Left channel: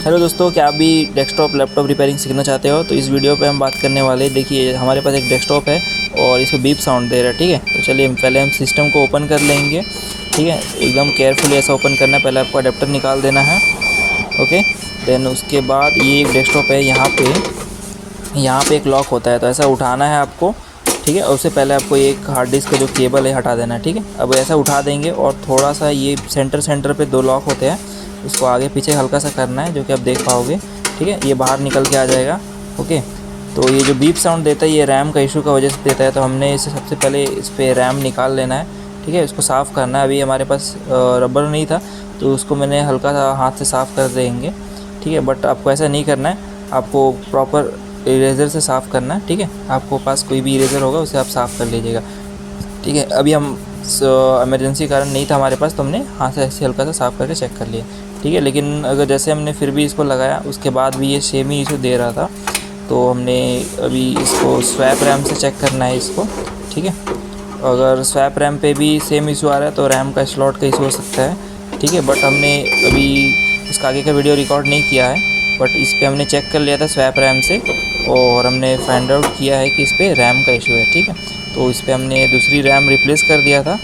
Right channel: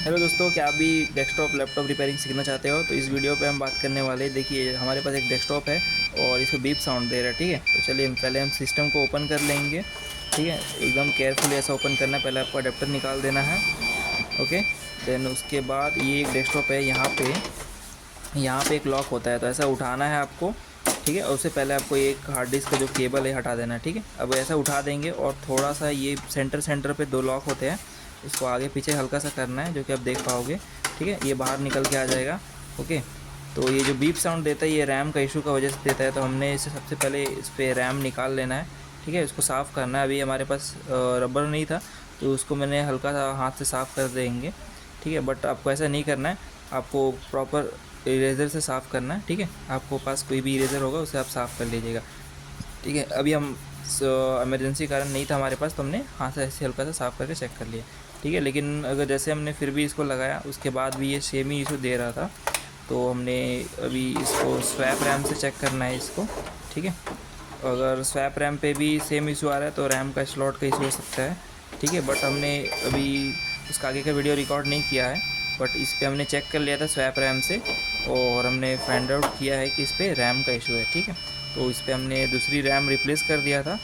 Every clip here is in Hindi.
हेलो दोस्तों, क्या आप भी डेस्कटॉप लैपटॉप रिपेयरिंग सीखना चाहते हो? तो इस वीडियो पे हम बात करने वाले हैं। देखिए, हमारे पास एक डेस्कटॉप है और इसमें बीप साउंड दे रहा है। ठीक है, तो चलिए पहले हम सिस्टम को ओपन कर लेंगे। ठीक है, एकदम केयरफुली ऐसा ओपन करना है। पहले आपको अडेप्टर निकाल देना है। ओके, देन उसके बाद ये एक डेस्कटॉप है। यहाँ पे एक लॉक होता है, तो ऐसा उठाना है आपको। ठीक है, और उससे पहले आपको एक हार्ड डिस्क का जो केबल है हटा देना है। ठीक है, अब ऐसा उठा देंगे और थोड़ा सा ये सेंटर पे दो लॉक होते हैं, उसको आगे पीछे हल्का सा करना है, जो कि आप देख पाओगे। ठीक है, ये बाहर निकल के आ जाएगा। ओके, तो ये जो बीप साउंड देता है ये रैम का इशू का वजह से देता है, तो हमने इसे सबसे पहले इस पर रैम निकाल लेना है। ठीक है, इसको साफ़ करना है। अभी हमारे पास रबर नहीं था, तो उसको मैंने हल्का सा हाथ से साफ़ कर देंगे। ठीक है, बट आपको ऐसा नहीं करना है, आपको प्रॉपर इरेज़र से साफ़ करना है। ठीक है, आपको पास कोई भी इरेज़र होगा उसे आप साफ़ कर लीजिएगा। ठीक है, अभी हम इमरजेंसी कारण नहीं था हमारे पास, तो हमने हाथ से ऐसे हल्का सा साफ़ करके चेक कर लिया। ठीक है, लेकिन अगर जैसे हमने फिर भी इसको लगाया, उसके बाद भी ये सेम ही इशू दे रहा था, तो हमने अभी इसको स्वैप रैम से चेक करना है इसको। ठीक है, अगर स्वैप रैम पे भी सेम इशू आ रहा है तो रैम का स्लॉट का इशू हो सकता है। ठीक है, बट हमने अभी इसका आगे का वीडियो रिकॉर्ड नहीं किया है, बट इस पर हमने चेक कर लिया था स्वैप रैम से, और हमने फाइंड आउट किया है कि इस पर रैम का इशू है। ठीक है, तो इस पर हमने दूसरी रैम रिप्लेस कर दिया था,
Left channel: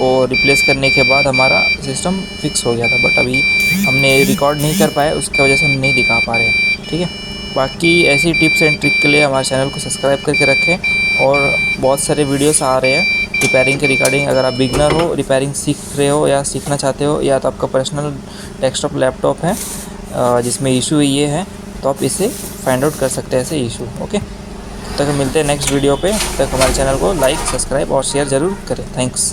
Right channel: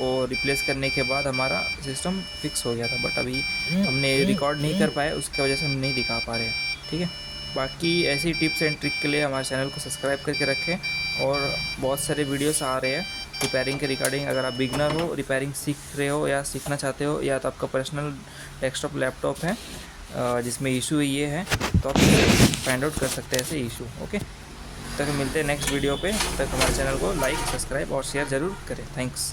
और रिप्लेस करने के बाद हमारा सिस्टम फिक्स हो गया था, बट अभी हमने रिकॉर्ड नहीं कर पाए, उसकी वजह से हम नहीं दिखा पा रहे हैं। ठीक है, बाकी ऐसी टिप्स एंड ट्रिक के लिए हमारे चैनल को सब्सक्राइब करके रखें, और बहुत सारे वीडियोस आ रहे हैं रिपेयरिंग के रिगार्डिंग। अगर आप बिगनर हो, रिपेयरिंग सीख रहे हो या सीखना चाहते हो, या तो आपका पर्सनल डेस्कटॉप लैपटॉप है जिसमें इशू ये है, तो आप इसे फाइंड आउट कर सकते हैं ऐसे इशू। ओके, तब तक मिलते हैं नेक्स्ट वीडियो पे। तब तक हमारे चैनल को लाइक, सब्सक्राइब और शेयर ज़रूर करें। थैंक्स।